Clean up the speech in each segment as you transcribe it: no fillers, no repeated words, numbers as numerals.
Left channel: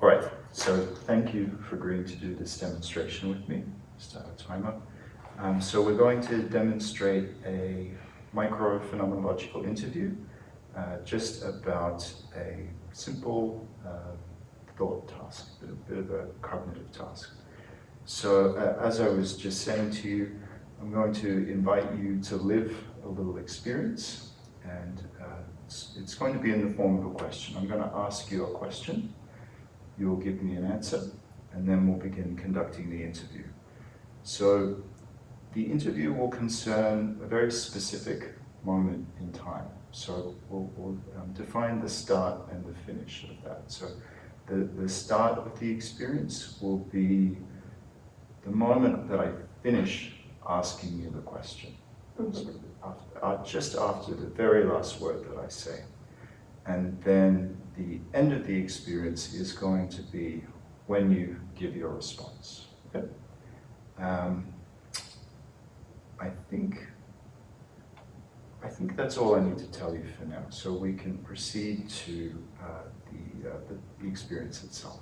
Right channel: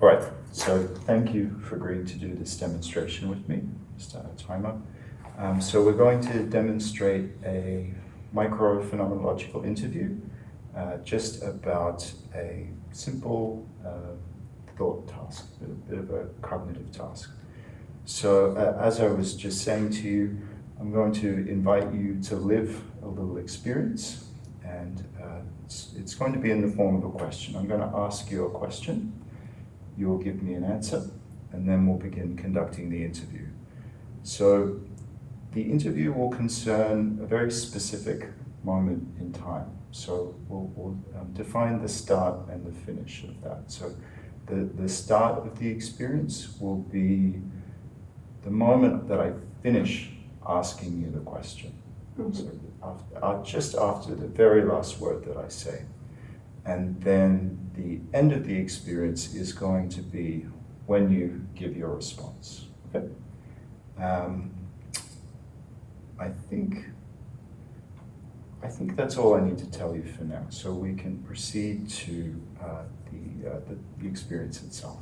All right, so thank you for agreeing to do this demonstration with me. Start a timer. So we're going to demonstrate a microphenomenological interview, just about a simple thought task, a bit of a cognitive task. So as I was just saying to you, I'm going to invite you to live a little experience, and it's going to be in the form of a question. I'm going to ask you a question. You'll give me an answer, and then we'll begin conducting the interview. So the interview will concern a very specific moment in time. So we'll define the start and the finish of that. So the start of the experience will be the moment that I finish asking you the question. So just after the very last word that I say. And then the end of the experience is going to be when you give your response. Okay? I think that's all I need to tell you for now. So we can proceed to the experience itself.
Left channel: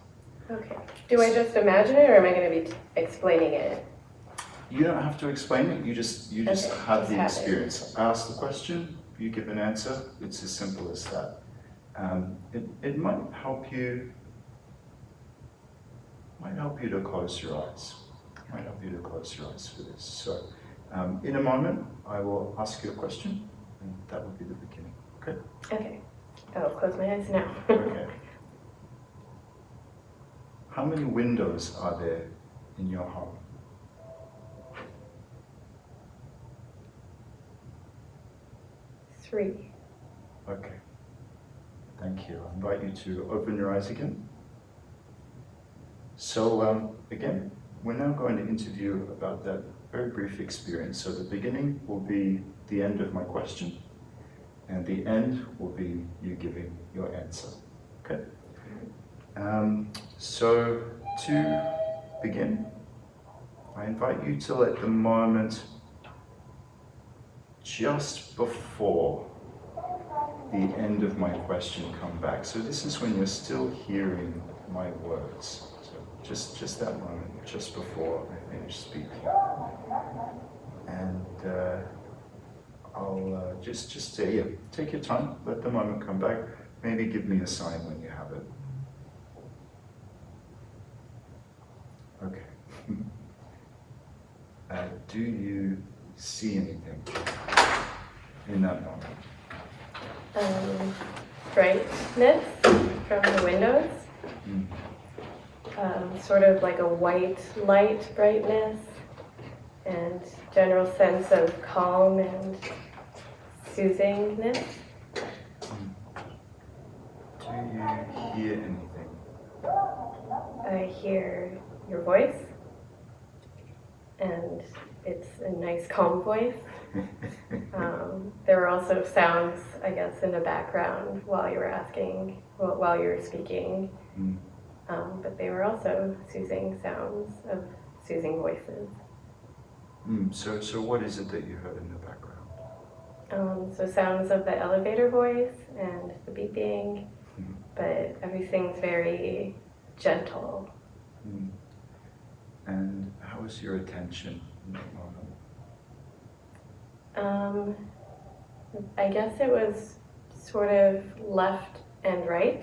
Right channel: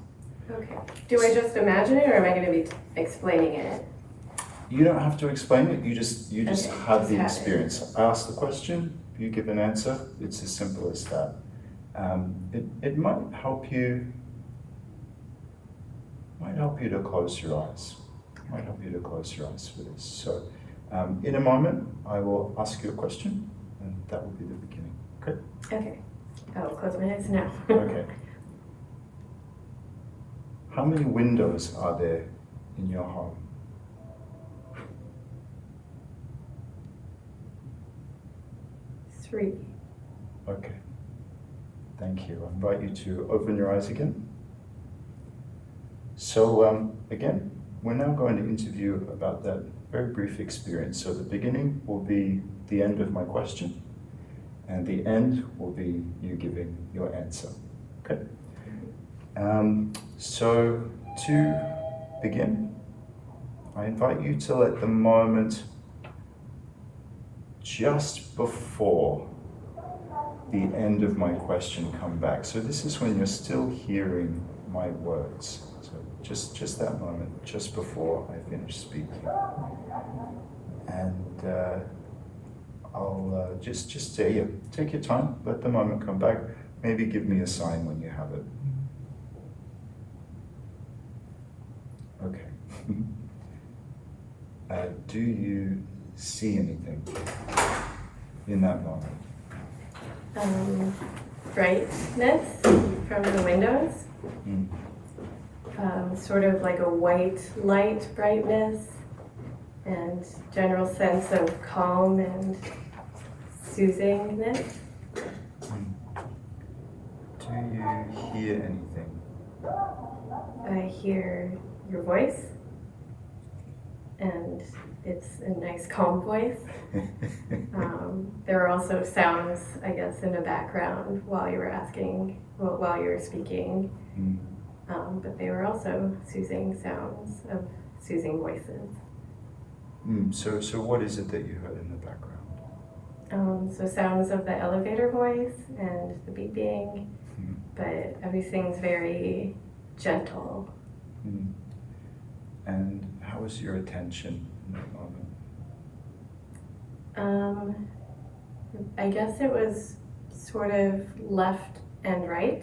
Okay. Do I just imagine it, or am I going to be explaining it? You don't have to explain it. You just Okay, have the have experience. I ask the question. You give an answer. It's as simple as that. It might help you. Might help you to close your eyes. Might help you to close your eyes for this. So, in a moment, I will ask you a question, and that will be the beginning. Okay. Okay. I'll close my eyes now. Okay. How many windows are there in your home? 3. Okay. Thank you. I invite you to open your eyes again. So again, we're now going to interview about that very brief experience. So the beginning will be the end of my question, and the end will be you giving your answer. Okay? So to begin, I invite you to let the moment just before the end of my question come back. So this is when you're still hearing my words. So just that moment, just before I finish speaking. And I'll just say, yeah, take your time, let the moment come back. Maybe give me a sign when you have it. Okay. Do you see anything in that moment? Brightness from the windows. Sort of like a white light brightness, and general sense of calm and soothingness. Do you hear anything? I hear your voice, and it's a nice calm voice. There were also sounds, I guess, in the background while you were speaking. But they were also soothing sounds of soothing voices. So what is it that you heard in the background? So sounds of the elevator voice and the beeping, but everything's very gentle. And how was your attention in that moment? I guess it was sort of left and right.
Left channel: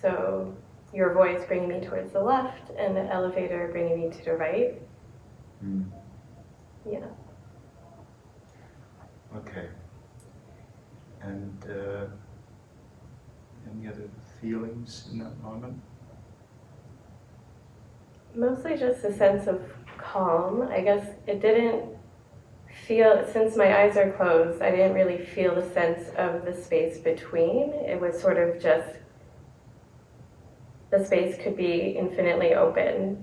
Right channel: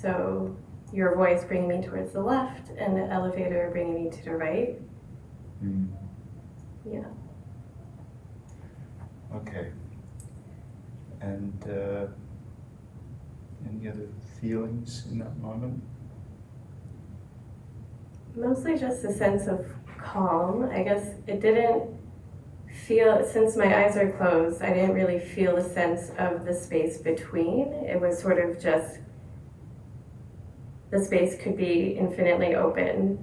So your voice bringing me towards the left and the elevator bringing me to the right. Yeah. Okay. And any other feelings in that moment? Mostly just a sense of calm. I guess it didn't feel, since my eyes are closed, I didn't really feel the sense of the space between. It was sort of just, the space could be infinitely open.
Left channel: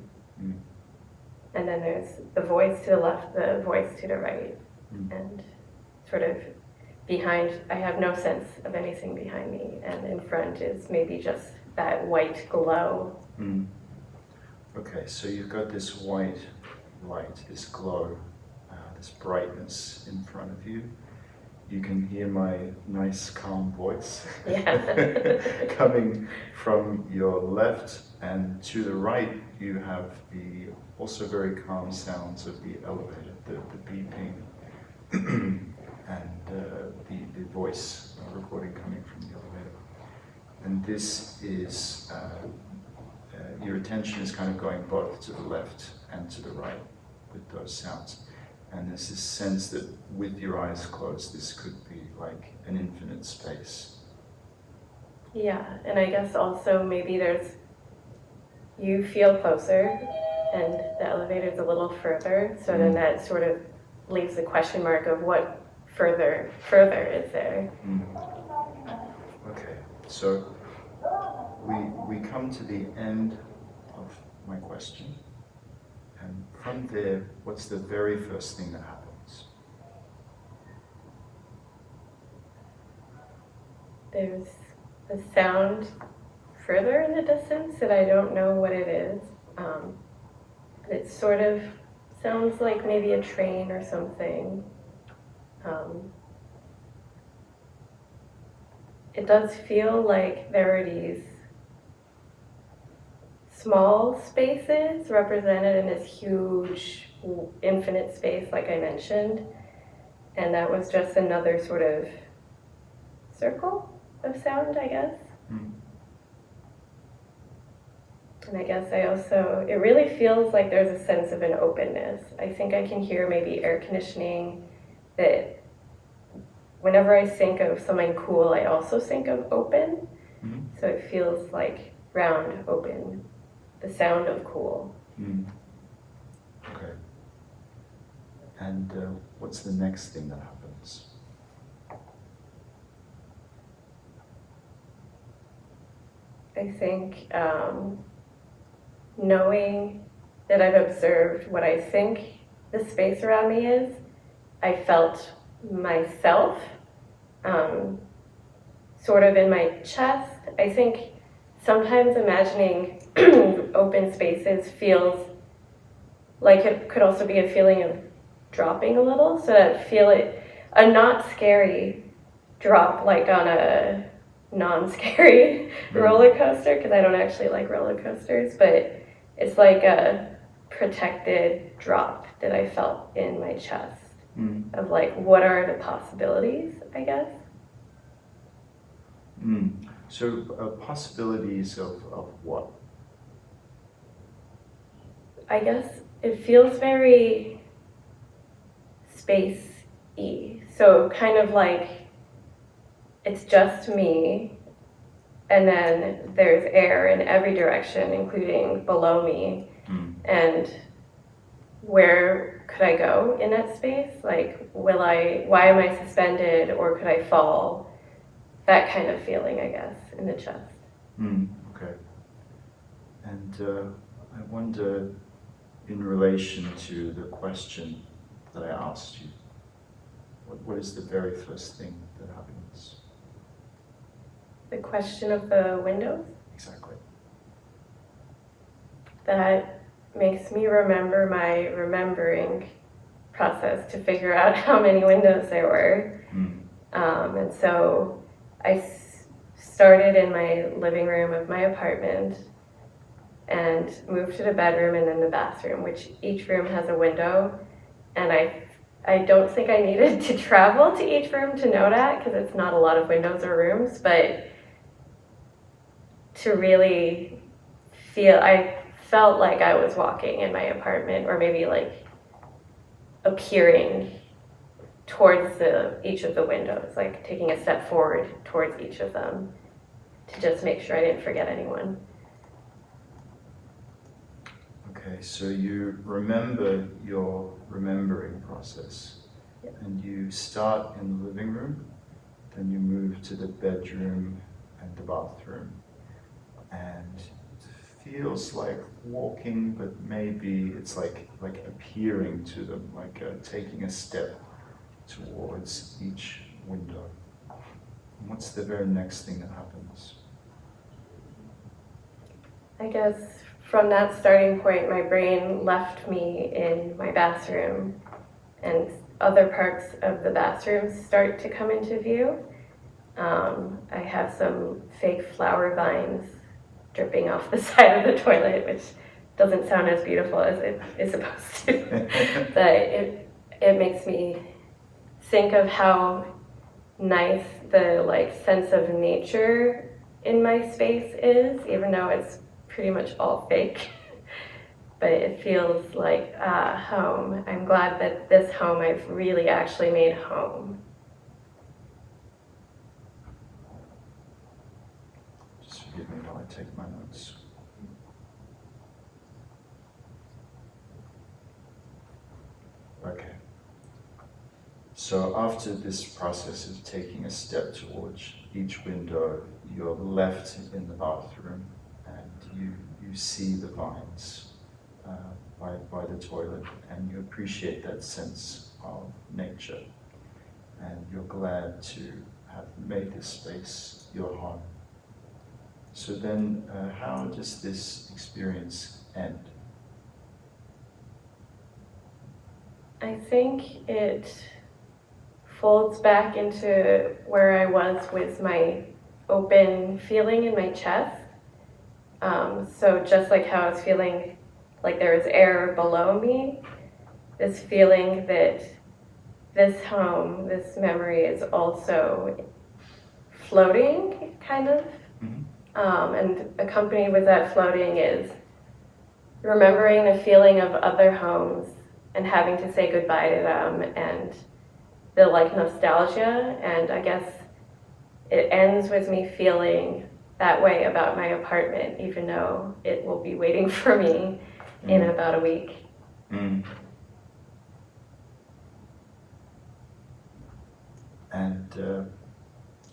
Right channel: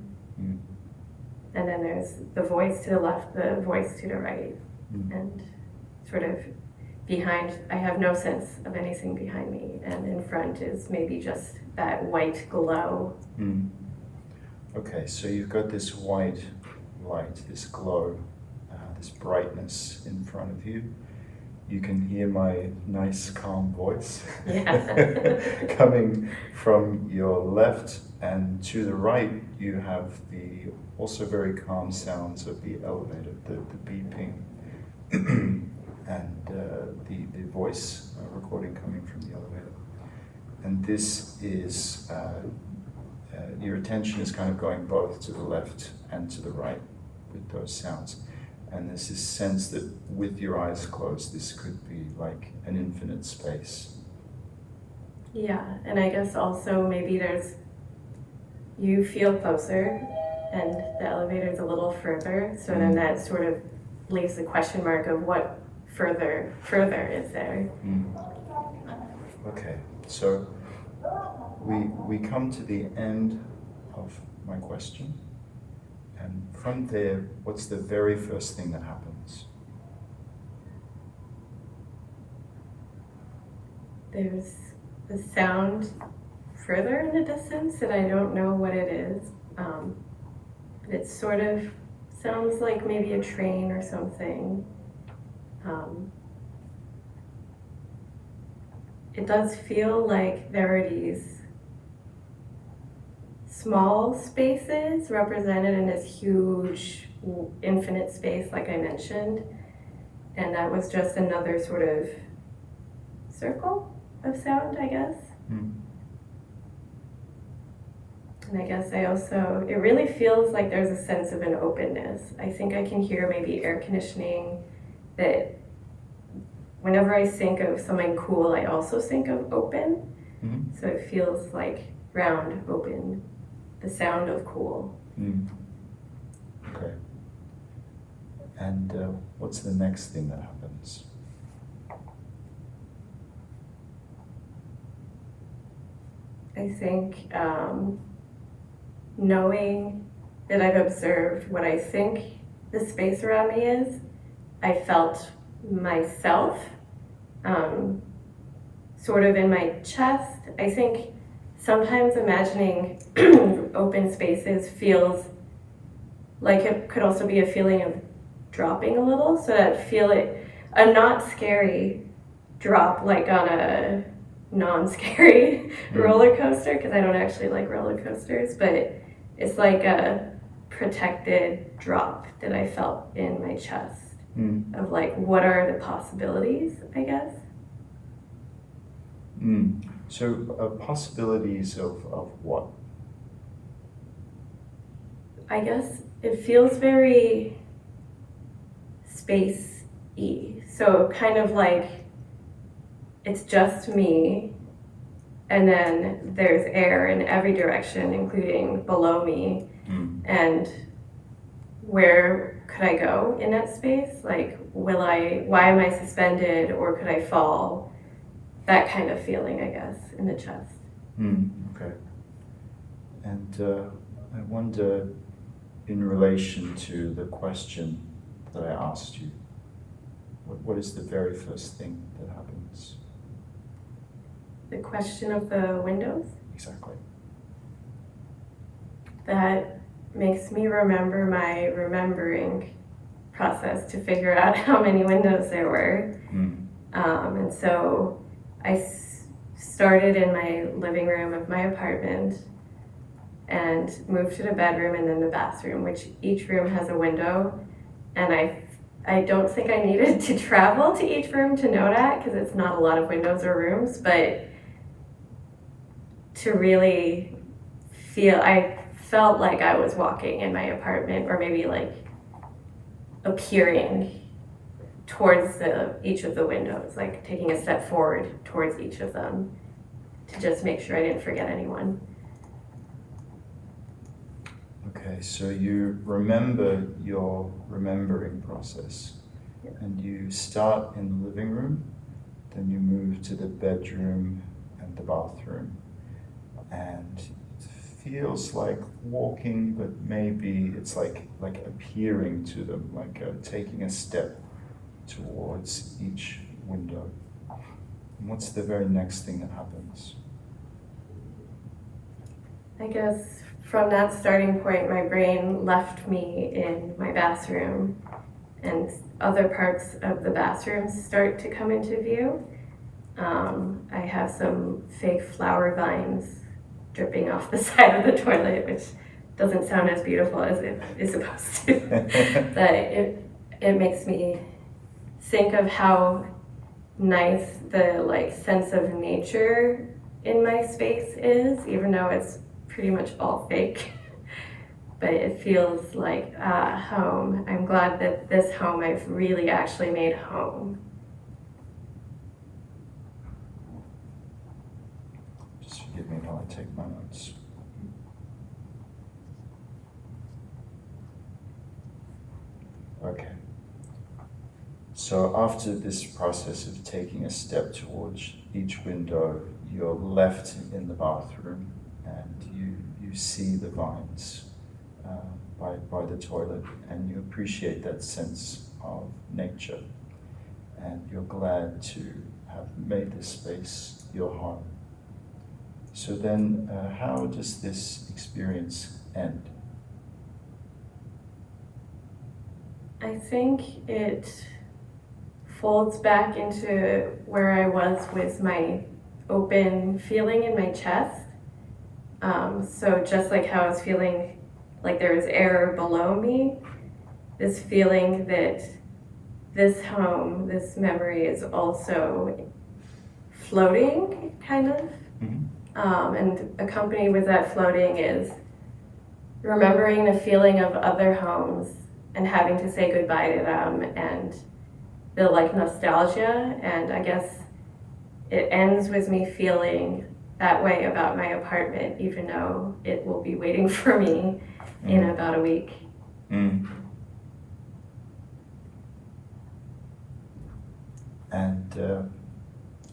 And then there's the voice to the left, the voice to the right. And sort of behind, I have no sense of anything behind me. And in front is maybe just that white glow. Okay, so you've got this white light, this glow, this brightness in front of you. you can hear my nice calm voice Yeah. coming from your left, and to the right you have the also very calm sounds of the elevator, the beeping and the voice recording coming from the elevator. And this is, your attention is kind of going both to the left and to the right with those sounds. And there's this sense that with your eyes closed, this could be like an infinite space. Yeah, and I guess also maybe you feel closer and the elevator's a little further, so then that sort of leaves the question mark of what further is there. Okay, so we come to the end of my question, and from there, what's the very first thing that happens? There's a sound further in the distance that I don't know what it is. But it sort of sounds like maybe a train or something. It does feel like there are these small spaces represented in this huge infinite space like I mentioned, and that was just another sort of circle of sound, I guess. And I guess it really feels like there's a sense of an openness. I think I can hear maybe air conditioning, that whenever I think of something cool, I also think of open. So it feels like round, open, the sound of cool. Okay. And what's the next thing that happens? I think knowing that I've observed what I think the space around me is, I felt myself sort of in my chest. I think sometimes imagining open spaces feels like it could also be a feeling of dropping a little, so that a not scary drop, like on a non-scary roller coaster, because I don't actually like roller coasters, but it's like a protected drop that I felt in my chest of like, what are the possibilities, I guess. So possibilities of what? I guess it feels very space-y, so kind of like it's just me, and then there's air in every direction, including below me. And where could I go in that space? Like, why am I suspended, or could I fall? That kind of feeling, I guess, in the chest. Okay. And I wonder, in relation to the question that I asked you, what is the very first thing that happens? The question of the windows? Exactly. That makes me remember my remembering process to figure out how many windows there were. And so I started in my living room of my apartment and moved to the bedroom and then the bathroom, which each room has a window. And I don't think I needed to travel to each room to know that, because it's not a lot of windows or rooms, but to really I felt like I was walking in my apartment, or maybe like appearing towards each of the windows, like taking a step forward towards each of them to just make sure I didn't forget anyone. Okay, so you remember your remembering process, and you start in the living room, then you move to the bedroom and the bathroom, and it feels like walking, but maybe it's like appearing to them, like taking a step towards each window. And what's the very next thing that happens? I guess from that starting point, my brain left me in my bathroom and other parts of the bathroom start to come into view. I have some fake flower vines dripping off the side of the toilet, which doesn't sound as beautiful as it is supposed to. But it makes me think of how nice the like sense of nature in my space is, even though it's pretty much all fake. But it feels like home. I'm glad that this home I've really actually made home. Just forgive me while I take my notes. Okay. So after this process of taking a step towards each window, you're left in the bathroom and you see the vines by the toilet, and you appreciate that sense of nature, and you're glad to have made this space your home. So then, how does this experience end? I think it folds back into where I was with my open feeling in my chest. So just like how I was feeling like there was air below me, this feeling that this home, this memory is also floating, kind of. Mm-hmm. And accompanied with that floating is remembering the feeling of other homes and having to say goodbye to them, and the like nostalgia. And I guess it ends with me feeling that way about my apartment, even though it will be waiting for me in about a week. Mm. And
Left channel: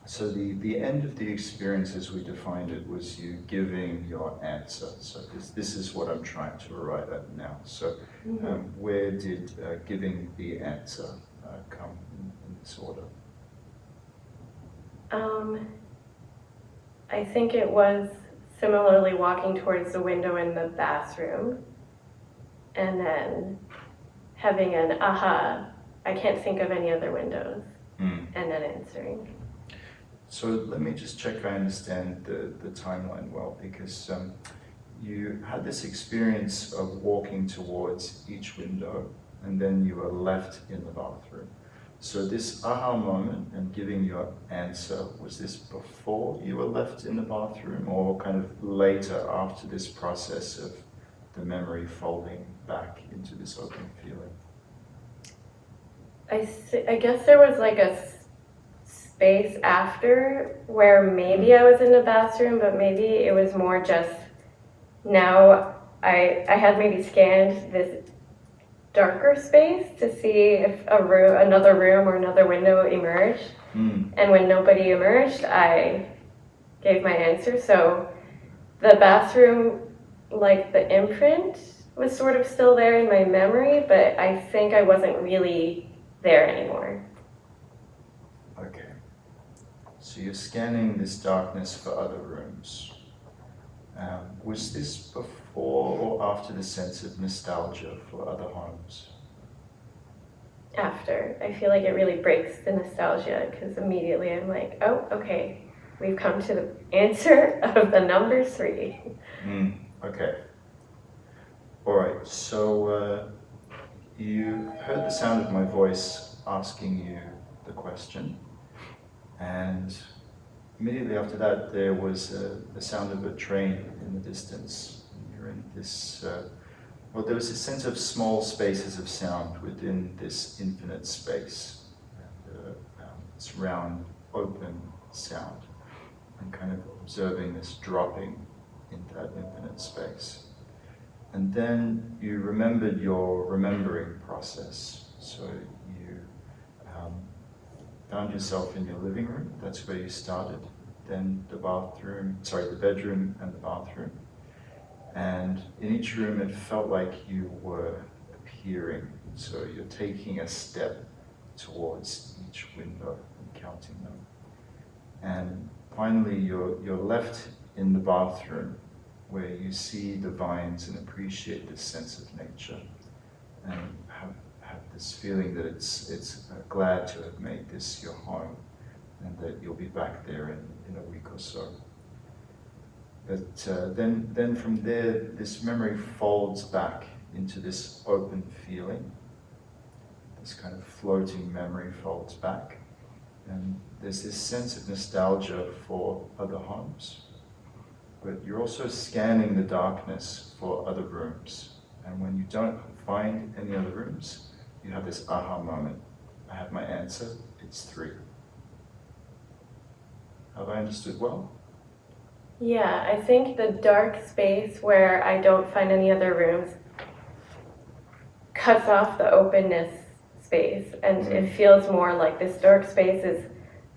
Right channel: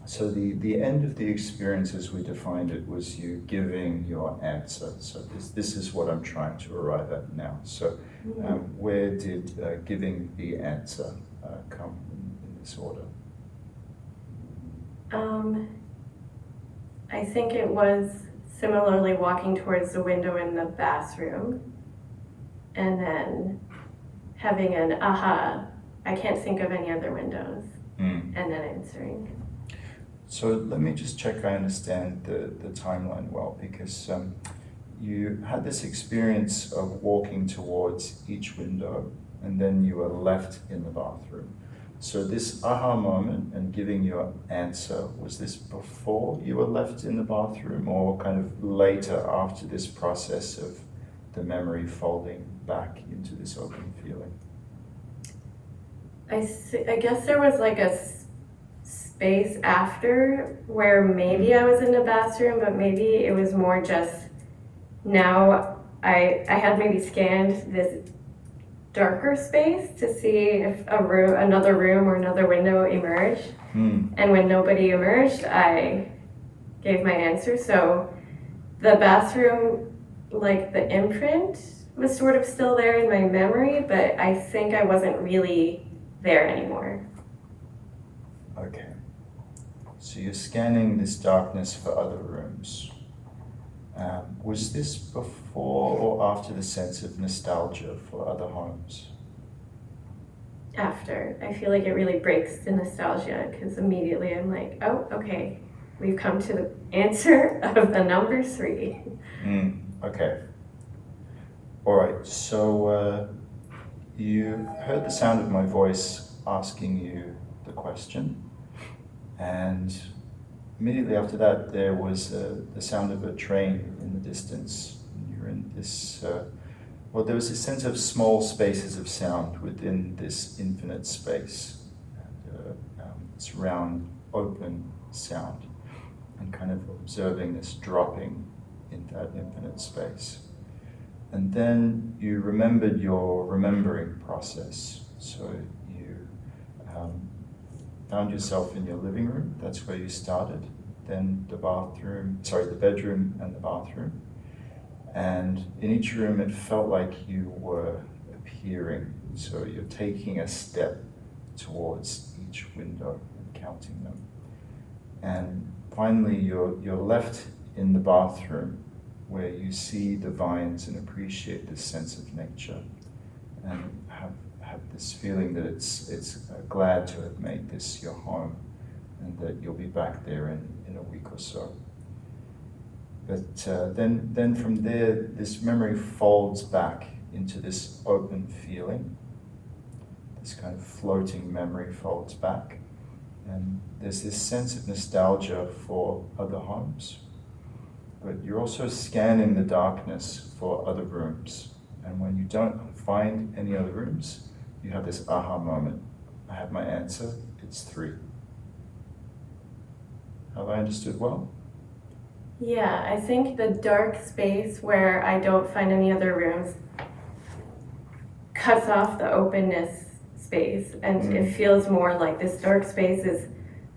so the end of the experience as we defined it was you giving your answer. So this is what I'm trying to arrive at now. So where did giving the answer come in this order? I think it was similarly walking towards the window in the bathroom and then having an aha, I can't think of any other windows, and then answering. So let me just check I understand the timeline well, because you had this experience of walking towards each window and then you were left in the bathroom. So this aha moment and giving your answer, was this before you were left in the bathroom or kind of later after this process of the memory folding back into this open feeling? I guess there was like a space after where maybe I was in the bathroom, but maybe it was more just now I had maybe scanned this darker space to see if another room or another window emerged. And when nobody emerged, I gave my answer. So the bathroom, like the imprint, was sort of still there in my memory, but I think I wasn't really there anymore. Okay. So you're scanning this darkness for other rooms. Was this before or after the sense of nostalgia for other homes? After. I feel like it really breaks the nostalgia because immediately I'm like, oh, okay, we've come to the answer of the number 3. Okay. All right, so you heard the sound of my voice asking you the question, and immediately after that there was the sound of a train in the distance. And you're in this, well, there was a sense of small spaces of sound within this infinite space, and this round, open sound, and kind of observing this dropping in that infinite space. And then you remembered your remembering process. So you found yourself in your living room. That's where you started. Then the bedroom and the bathroom. And in each room, it felt like you were appearing. So you're taking a step towards each window and counting them. And finally, you're left in the bathroom, where you see the vines and appreciate this sense of nature, and have this feeling that it's glad to have made this your home, and that you'll be back there in a week or so. But then from there, this memory folds back into this open feeling. This kind of floating memory folds back. And there's this sense of nostalgia for other homes. But you're also scanning the darkness for other rooms. And when you don't find any other rooms, you have this aha moment. I have my answer, it's 3. Have I understood well? Yeah, I think the dark space where I don't find any other rooms cuts off the openness space, and it feels more like this dark space is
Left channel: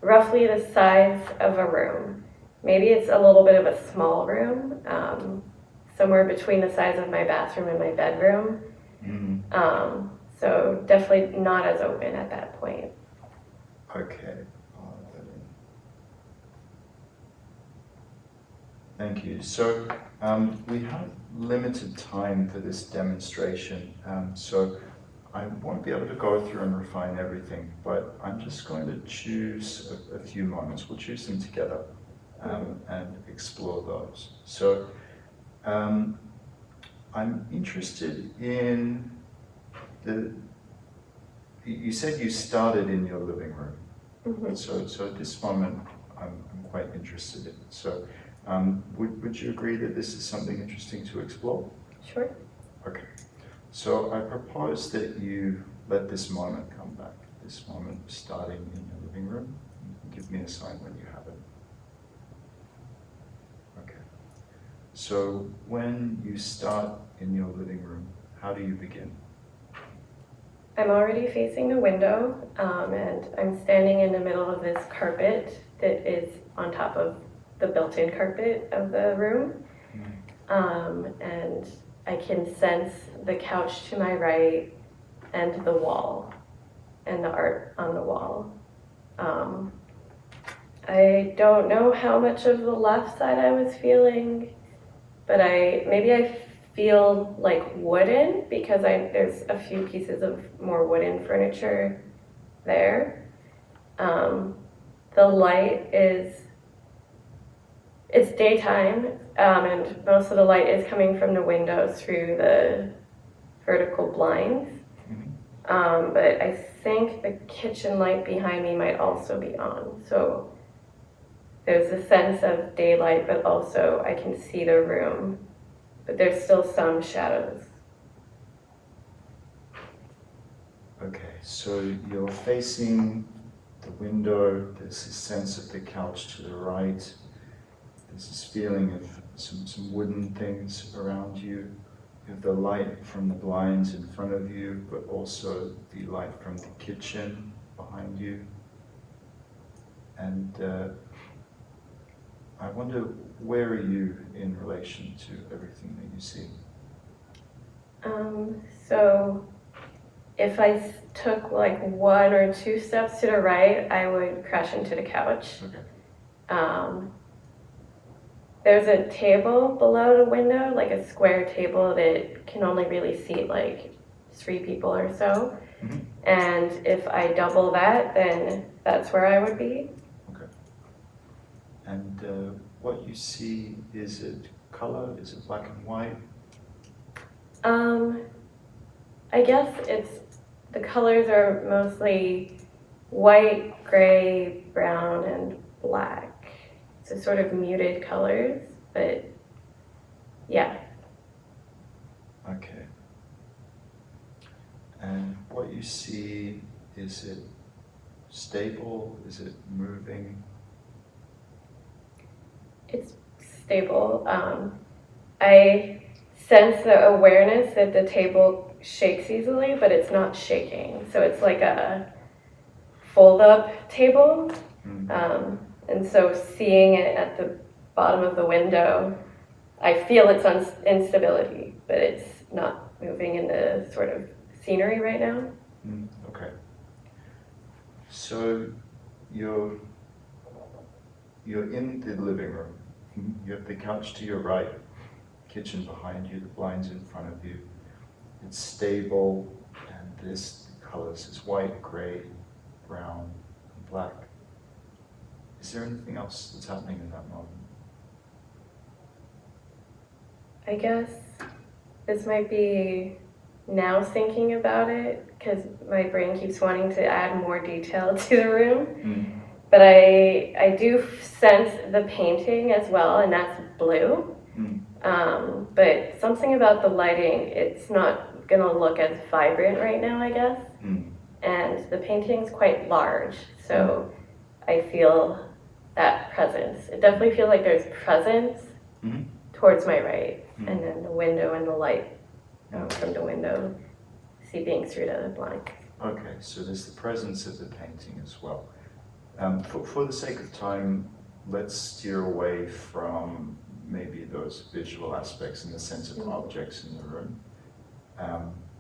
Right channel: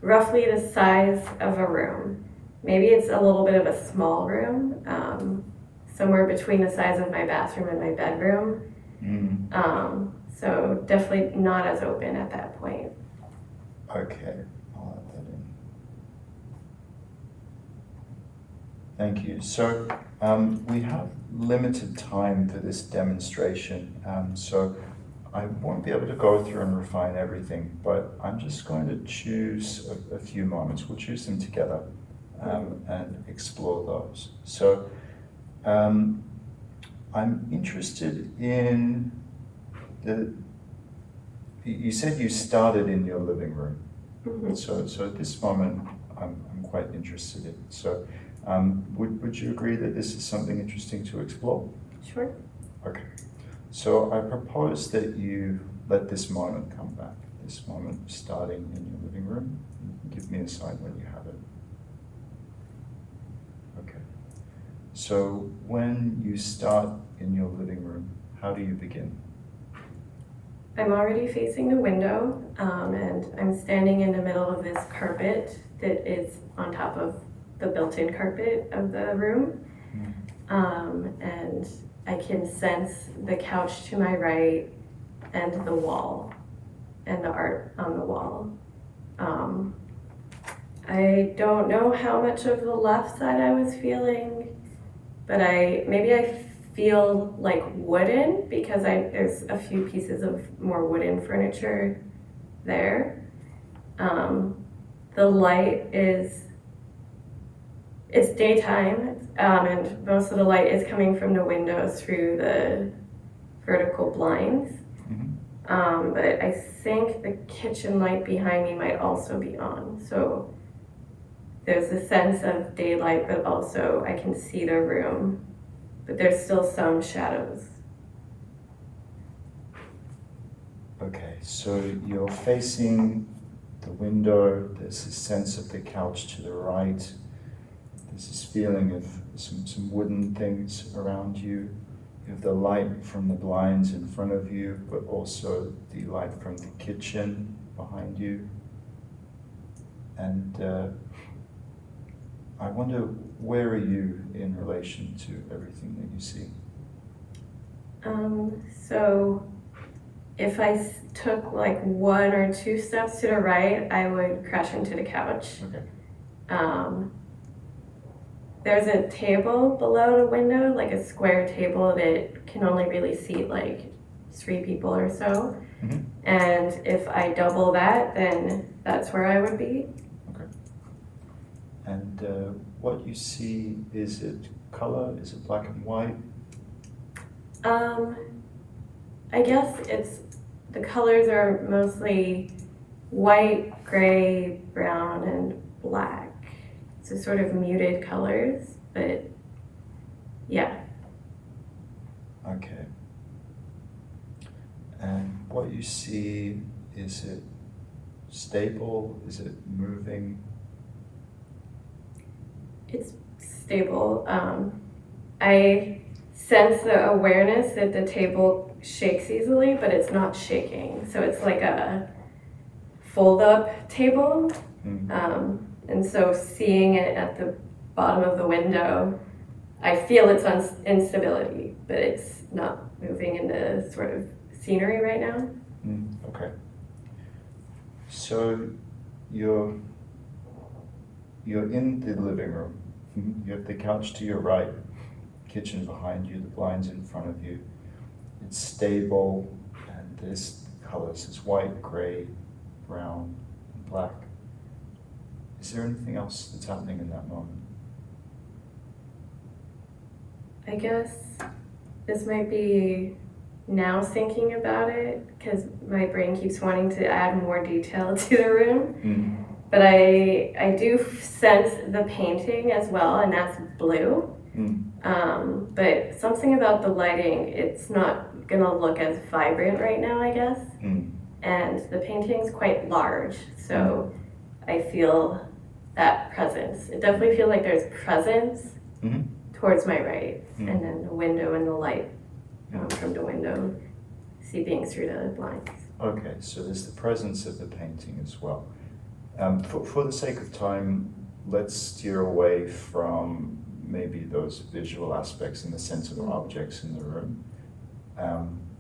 roughly the size of a room. Maybe it's a little bit of a small room, somewhere between the size of my bathroom and my bedroom. So definitely not as open at that point. Okay, I'll add that in. Thank you. So we have limited time for this demonstration, so I won't be able to go through and refine everything, but I'm just going to choose a few moments. We'll choose them together and explore those. So I'm interested in you said you started in your living room. So at this moment, I'm quite interested in. So would you agree that this is something interesting to explore? Sure. Okay. So I propose that you let this moment come back, this moment starting in your living room. Give me a sign when you have it. Okay. So when you start in your living room, how do you begin? I'm already facing the window, and I'm standing in the middle of this carpet that is on top of the built-in carpet of the room. And I can sense the couch to my right and the wall and the art on the wall. I don't know how much of the left side I was feeling, but maybe I feel like wooden because there's a few pieces of more wooden furniture there. The light it's daytime, and most of the light is coming from the windows through the vertical blinds. But I think the kitchen light behind me might also be on. So there's a sense of daylight, but also I can see the room, but there's still some shadows. Okay, so you're facing the window, there's this sense of the couch to the right, there's this feeling of some wooden things around you. You have the light from the blinds in front of you, but also the light from the kitchen behind you. And I wonder, where are you in relation to everything that you see? So if I took like 1 or 2 steps to the right, I would crash into the couch. Okay. There's a table below the window, like a square table that can only really seat like 3 people or so. And if I double that, then that's where I would be. Okay. And what you see, is it color? Is it black and white? I guess the colors are mostly white, gray, brown, and black. So sort of muted colors, but yeah. Okay. And what you see, is it stable? Is it moving? It's stable. I sense the awareness that the table shakes easily, but it's not shaking. So it's like a fold-up table. And so seeing it at the bottom of the window, I feel its instability, but it's not moving into sort of scenery right now. Okay. So you're in the living room. You have the couch to your right, kitchen behind you, the blinds in front of you. It's stable, and there's colors. It's white, gray, brown, and black. Is there anything else that's happening in that moment? I guess this might be now thinking about it, because my brain keeps wanting to add more detail to the room. But I do sense the painting as well, and that's blue. But something about the lighting, it's not gonna look as vibrant right now, I guess. And the painting's quite large, so I feel that presence. It definitely feels like there's presence towards my right, and then the window and the light from the window seeping through the blinds. Okay, so there's the presence of the painting as well. For the sake of time, let's steer away from maybe those visual aspects in the sense of objects in the room.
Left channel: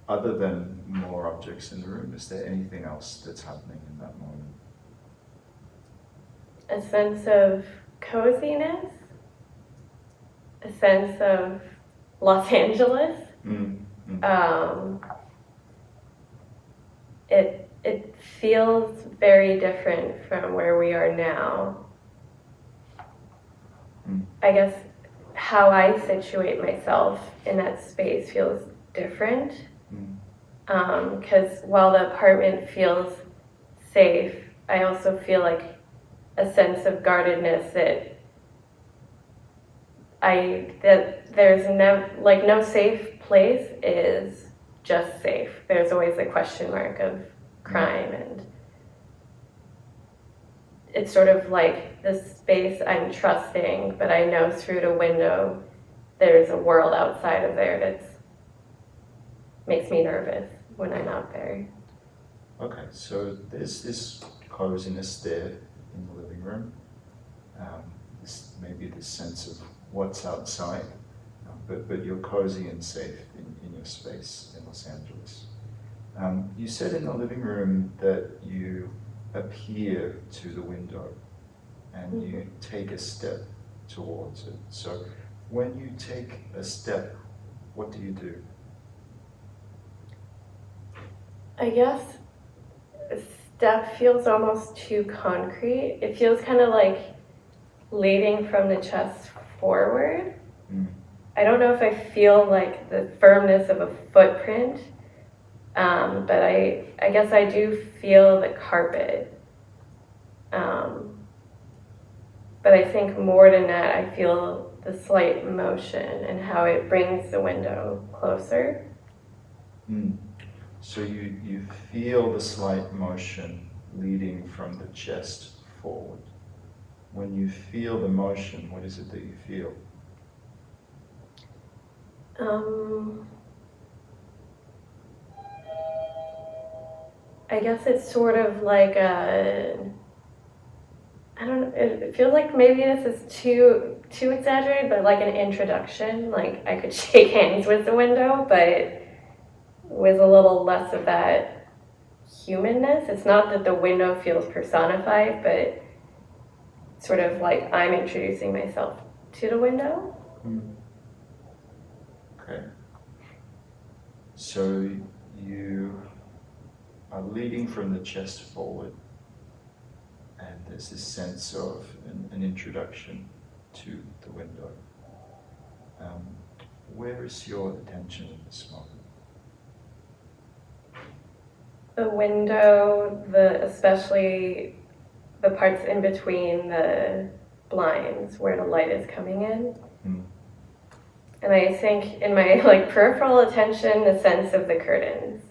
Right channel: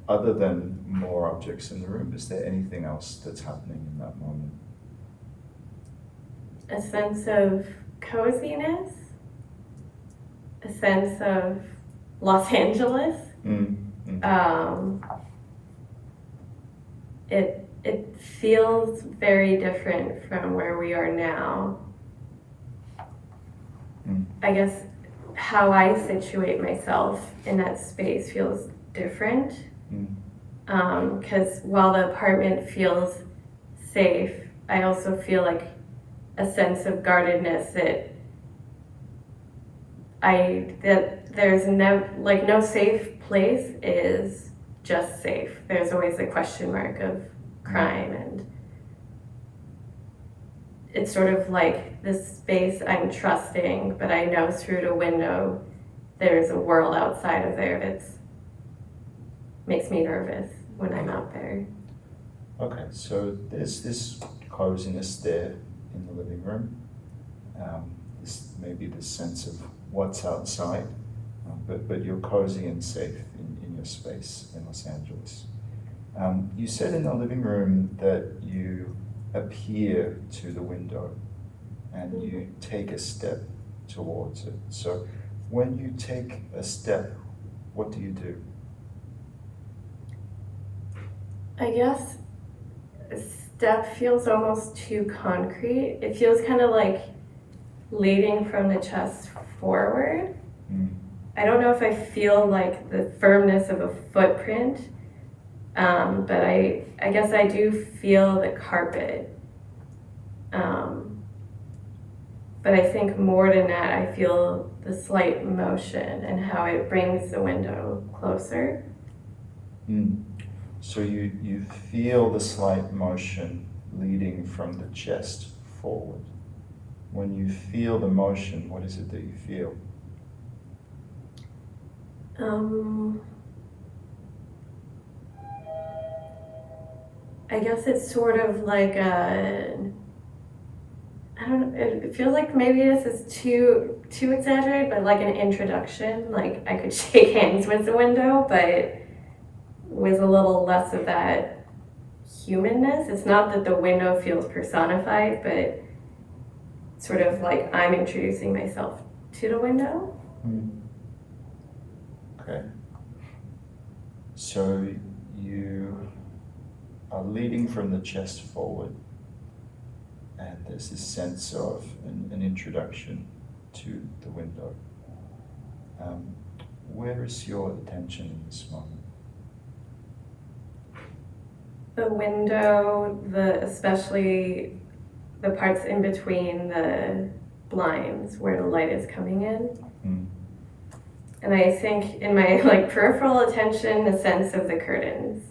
Other than more objects in the room, is there anything else that's happening in that moment? A sense of coziness, a sense of Los Angeles. It feels very different from where we are now. I guess how I situate myself in that space feels different. Because while the apartment feels safe, I also feel like a sense of guardedness that there's no safe place is just safe. There's always a question mark of crime, and it's sort of like this space I'm trusting, but I know through the window there's a world outside of there that's makes me nervous when I'm out there. Okay, so there's this coziness there in the living room. Maybe this sense of what's outside, but you're cozy and safe in your space in Los Angeles. You said in the living room that you appear to the window and you take a step towards it. So when you take a step, what do you do? I guess a step feels almost too concrete. It feels kind of like leading from the chest forward. I don't know if I feel like the firmness of a footprint, but I guess I do feel the carpet. But I think more than that, I feel the slight motion and how it brings the window closer. So you feel the slight motion leading from the chest forward. When you feel the motion, what is it that you feel? I guess it's sort of like it feels like maybe this is too exaggerated, but like an introduction. Like I could shake hands with the window, but with a little less of that humanness. It's not that the window feels personified, but sort of like I'm introducing myself to the window. Okay. So you are leading from the chest forward, and there's this sense of an introduction to the window. Where is your attention in this moment? The window, especially the parts in between the blinds where the light is coming in. And I think in my peripheral attention, the sense of the curtains.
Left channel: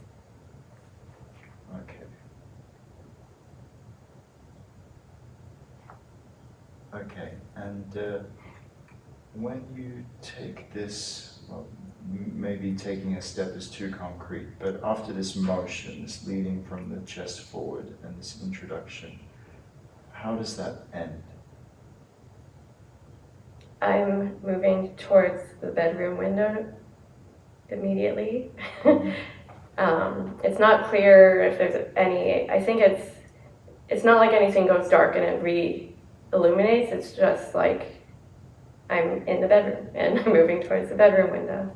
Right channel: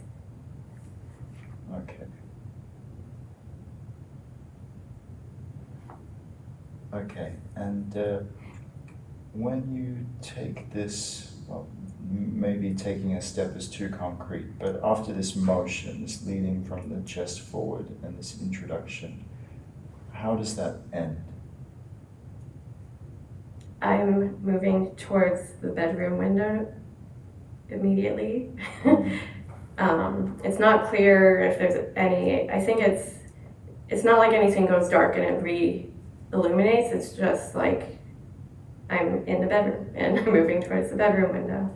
Okay, and when you take this, well, maybe taking a step is too concrete, but after this motion, this leading from the chest forward and this introduction, how does that end? I'm moving towards the bedroom window immediately. It's not clear if there's any, I think it's not like anything goes dark and it re-illuminates, it's just like I'm in the bedroom and I'm moving towards the bedroom window.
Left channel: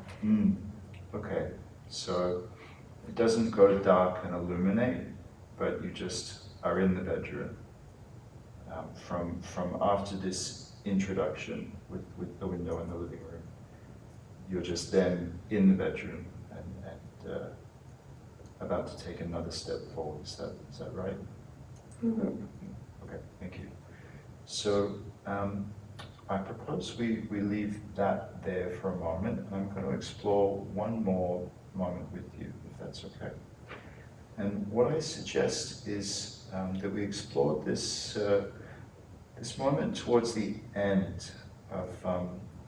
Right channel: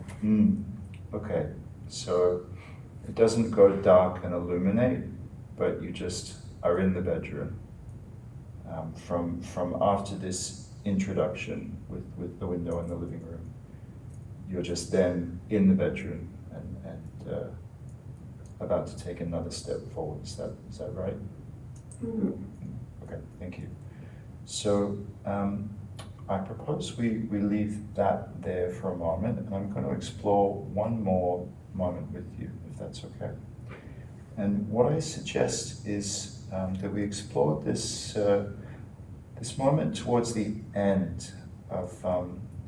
Okay, so it doesn't go dark and illuminate, but you just are in the bedroom. From after this introduction with the window in the living room, you're just then in the bedroom and about to take another step forward. Is that right? Mm-hmm. Okay, thank you. So I propose we leave that there for a moment, and I'm going to explore one more moment with you, if that's okay. And what I suggest is that we explore this moment towards the end of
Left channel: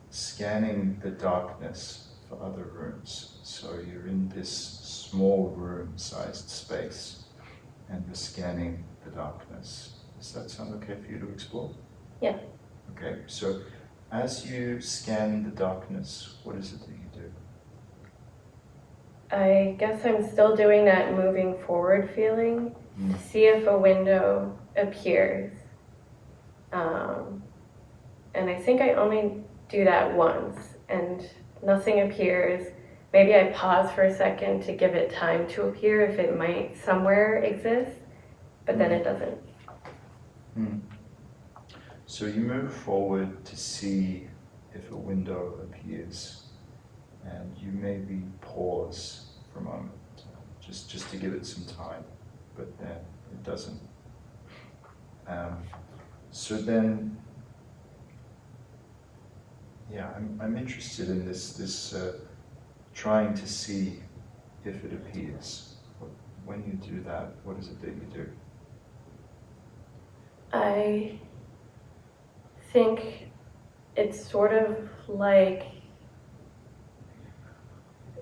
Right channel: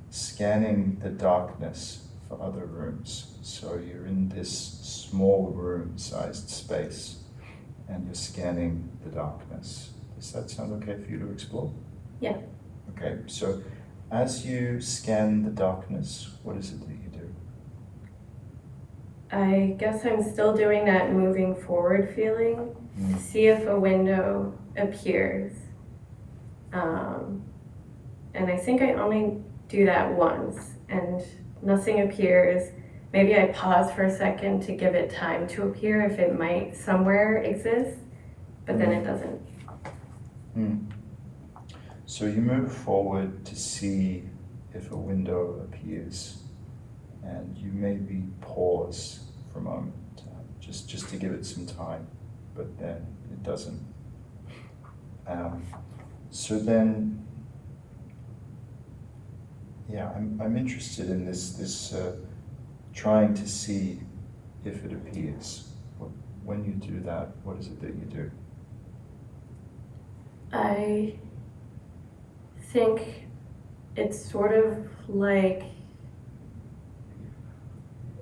scanning the darkness for other rooms. So you're in this small room-sized space, and you're scanning the darkness. Does that sound okay for you to explore? Yeah. Okay, so as you scan the darkness, what is it that you do? I guess I'm still doing that moving forward feeling, to see if a window appears. And I think I only do that once, and nothing appears. Maybe I pause for a second to give it time to appear if it might somewhere exist, but then it doesn't. So you move forward to see if a window appears, and you maybe pause for a moment, just to give it some time, but then it doesn't. So then, yeah, I'm interested in this trying to see if it appears. When you do that, what is it that you do? I think it's sort of like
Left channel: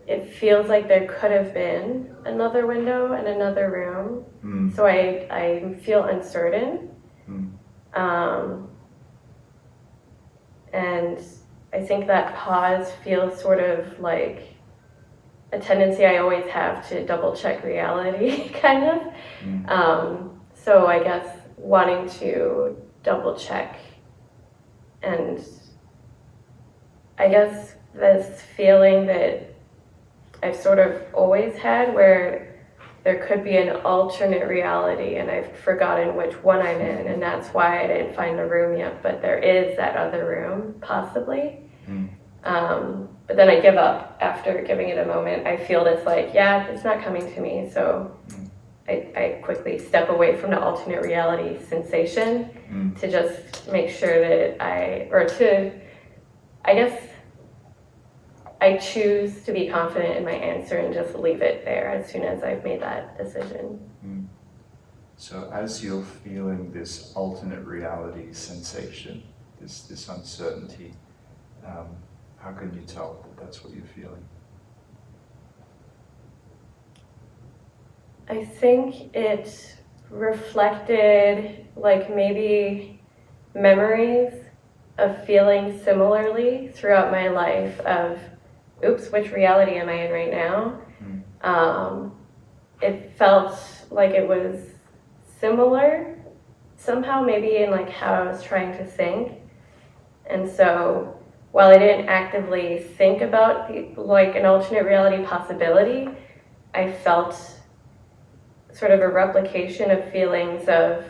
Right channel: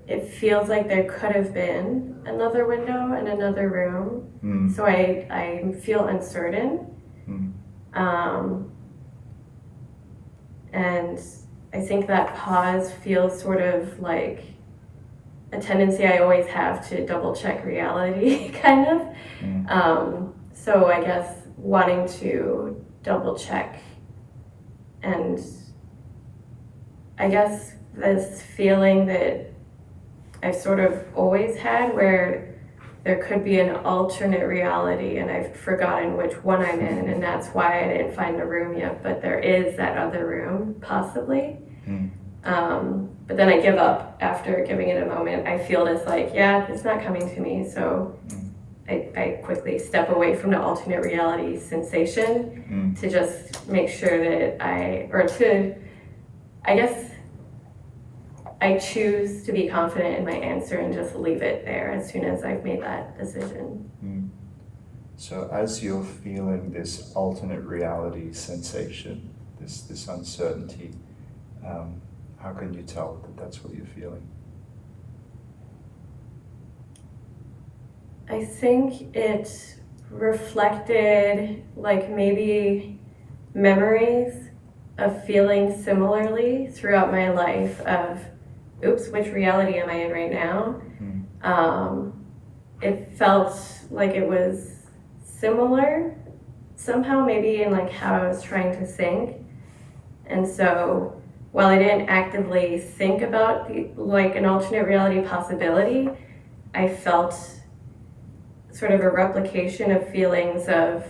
it feels like there could have been another window in another room. So I feel uncertain. And I think that pause feels sort of like a tendency I always have to double check reality, kind of. So I guess wanting to double check, and I guess this feeling that I've sort of always had where there could be an alternate reality and I've forgotten which one I'm in, and that's why I didn't find the room yet, but there is that other room, possibly. But then I give up after giving it a moment. I feel this like, yeah, it's not coming to me, so I quickly step away from the alternate reality sensation to just make sure that I guess I choose to be confident in my answer and just leave it there as soon as I've made that decision. So as you're feeling this alternate reality sensation, this uncertainty, how can you tell that that's what you're feeling? I think it reflected like maybe memories of feeling similarly throughout my life of, oops, which reality am I in right now? It felt like it was similar somehow, maybe in like how I was trying to think. And so while I didn't actively think about like an alternate reality possibility, I felt sort of a replication of feelings of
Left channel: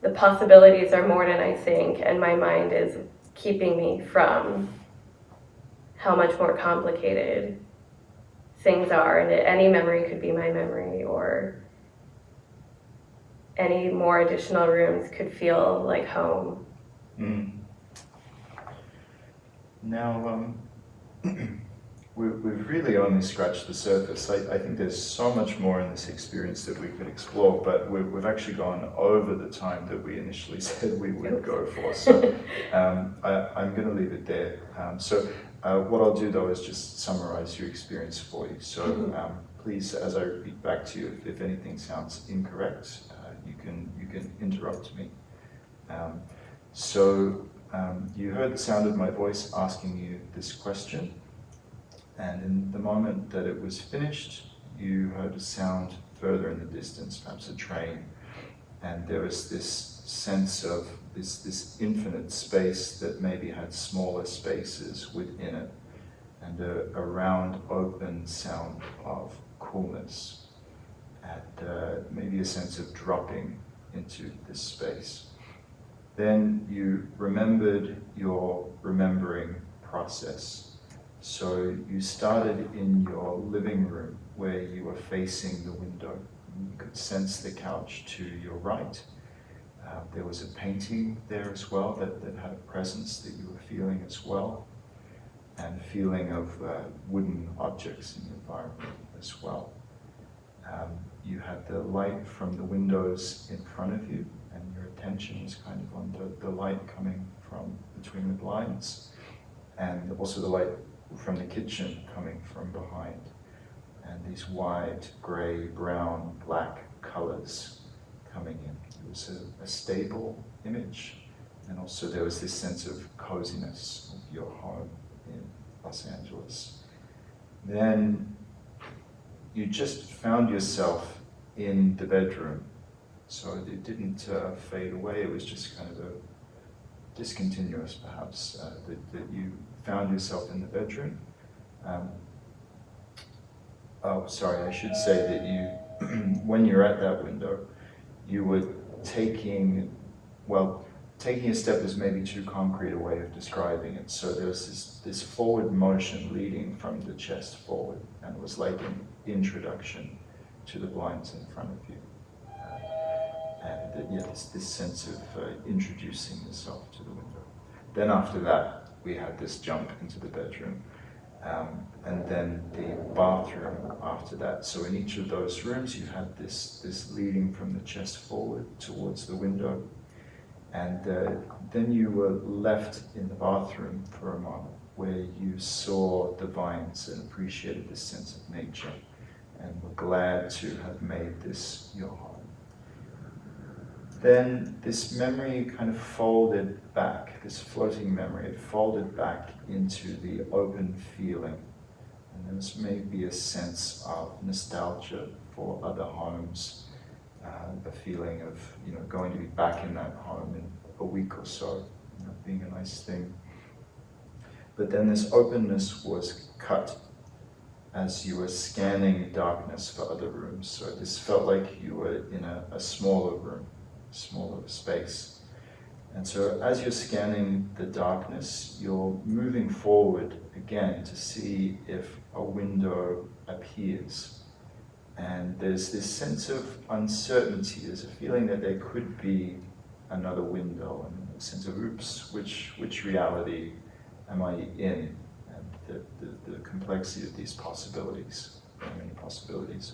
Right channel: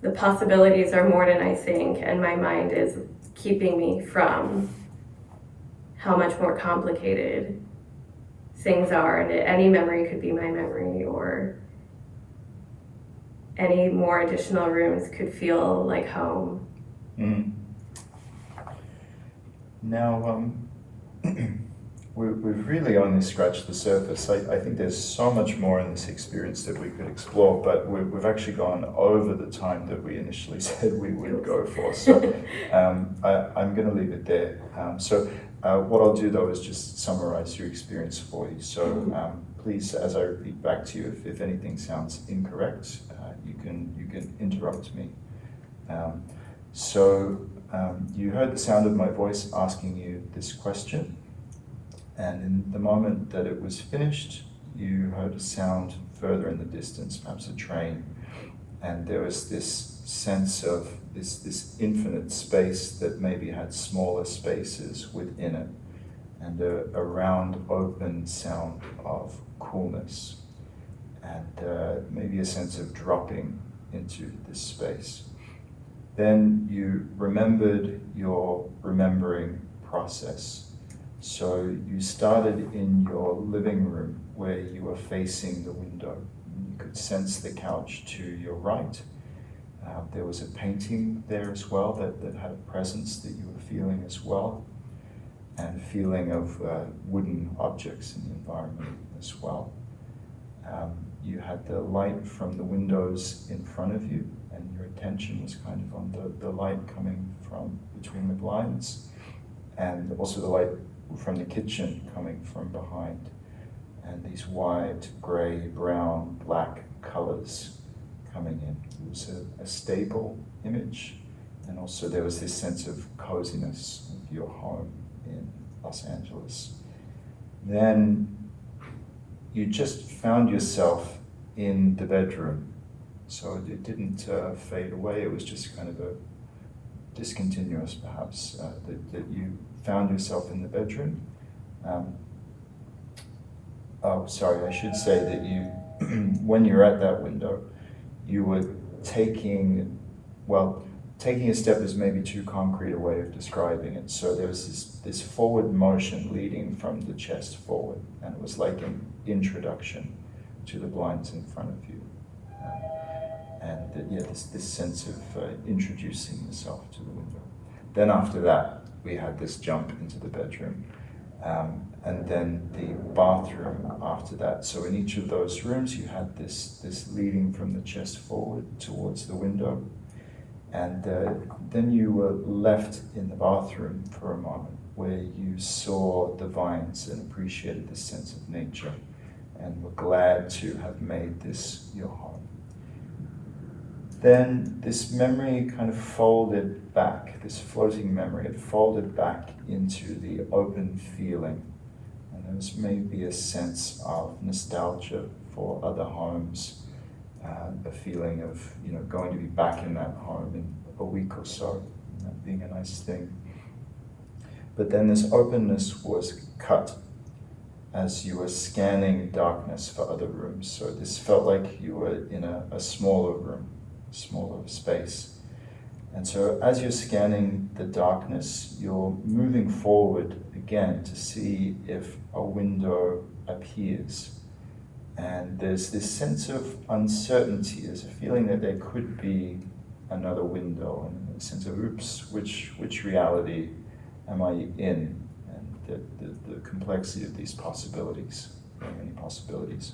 the possibilities are more than I think, and my mind is keeping me from how much more complicated things are, and any memory could be my memory, or any more additional rooms could feel like home. Now, we've really only scratched the surface. I think there's so much more in this experience that we could explore, but we've actually gone over the time that we initially said we would go for. So I'm going to leave it there. What I'll do though is just summarize your experience for you. So please, as I repeat back to you, if anything sounds incorrect, you can interrupt me. You heard the sound of my voice asking you this question. And in the moment that it was finished, you heard a sound further in the distance, perhaps a train. And there was this sense of this infinite space that maybe had smaller spaces within it. and a round, open sound of coolness, and maybe a sense of dropping into this space. Then you remembered your remembering process. So you started in your living room where you were facing the window. You could sense the couch to your right. There was a painting there as well that had a presence that you were feeling as well, and feeling of wooden objects in the environment as well. You had the light from the windows in front of you, and your attention was kind of on the light coming from between the blinds, and also the light from the kitchen coming from behind, and these white, grey, brown, black colors coming in. It was a stable image, and also there was this sense of coziness of your home in Los Angeles. Then you just found yourself in the bedroom, so it didn't fade away. It was just kind of a discontinuous, perhaps, that you found yourself in the bedroom. I should say that you, when you're at that window, you were taking a step is maybe too concrete a way of describing it. So there was this forward motion leading from the chest forward, and it was like an introduction to the blinds in front of you. This sense of introducing yourself to the window. Then after that, we had this jump into the bedroom, and then the bathroom after that. So in each of those rooms, you had this leading from the chest forward towards the window. And then you were left in the bathroom for a moment where you saw the vines and appreciated this sense of nature and were glad to have made this your home. Then this memory kind of folded back, this floating memory, it folded back into the open feeling. And there was maybe a sense of nostalgia for other homes, a feeling of going to be back in that home in a week or so, being a nice thing. But then this openness was cut as you were scanning darkness for other rooms. So this felt like you were in a smaller room, smaller space. And so as you're scanning the darkness, you're moving forward again to see if a window appears. And there's this sense of uncertainty. There's a feeling that there could be another window, and a sense of, oops, which reality am I in? And the complexity of these possibilities. There are many possibilities.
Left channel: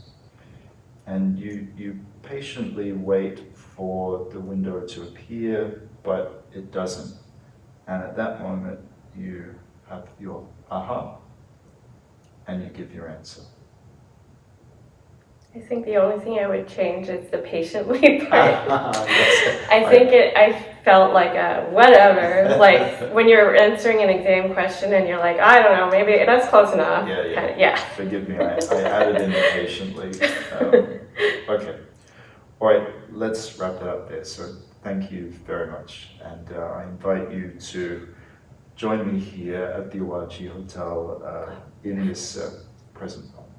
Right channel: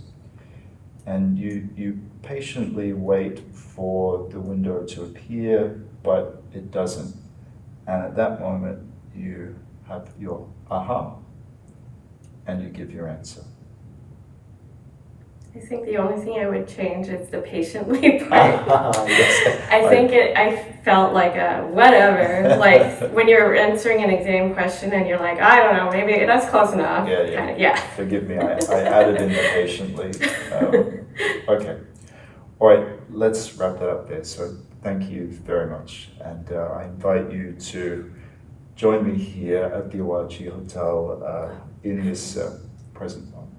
And you patiently wait for the window to appear, but it doesn't. And at that moment, you have your aha, and you give your answer. I think the only thing I would change is the patiently part. Yes. I felt like a whatever, like when you're answering an exam question and you're like, I don't know, maybe that's close enough. Yeah. Forgive me, I added in the patiently. Okay. All right, let's wrap that up there. So thank you very much. And I invite you to join me here at the Awaji Hotel in this present moment.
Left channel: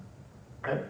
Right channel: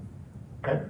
Okay?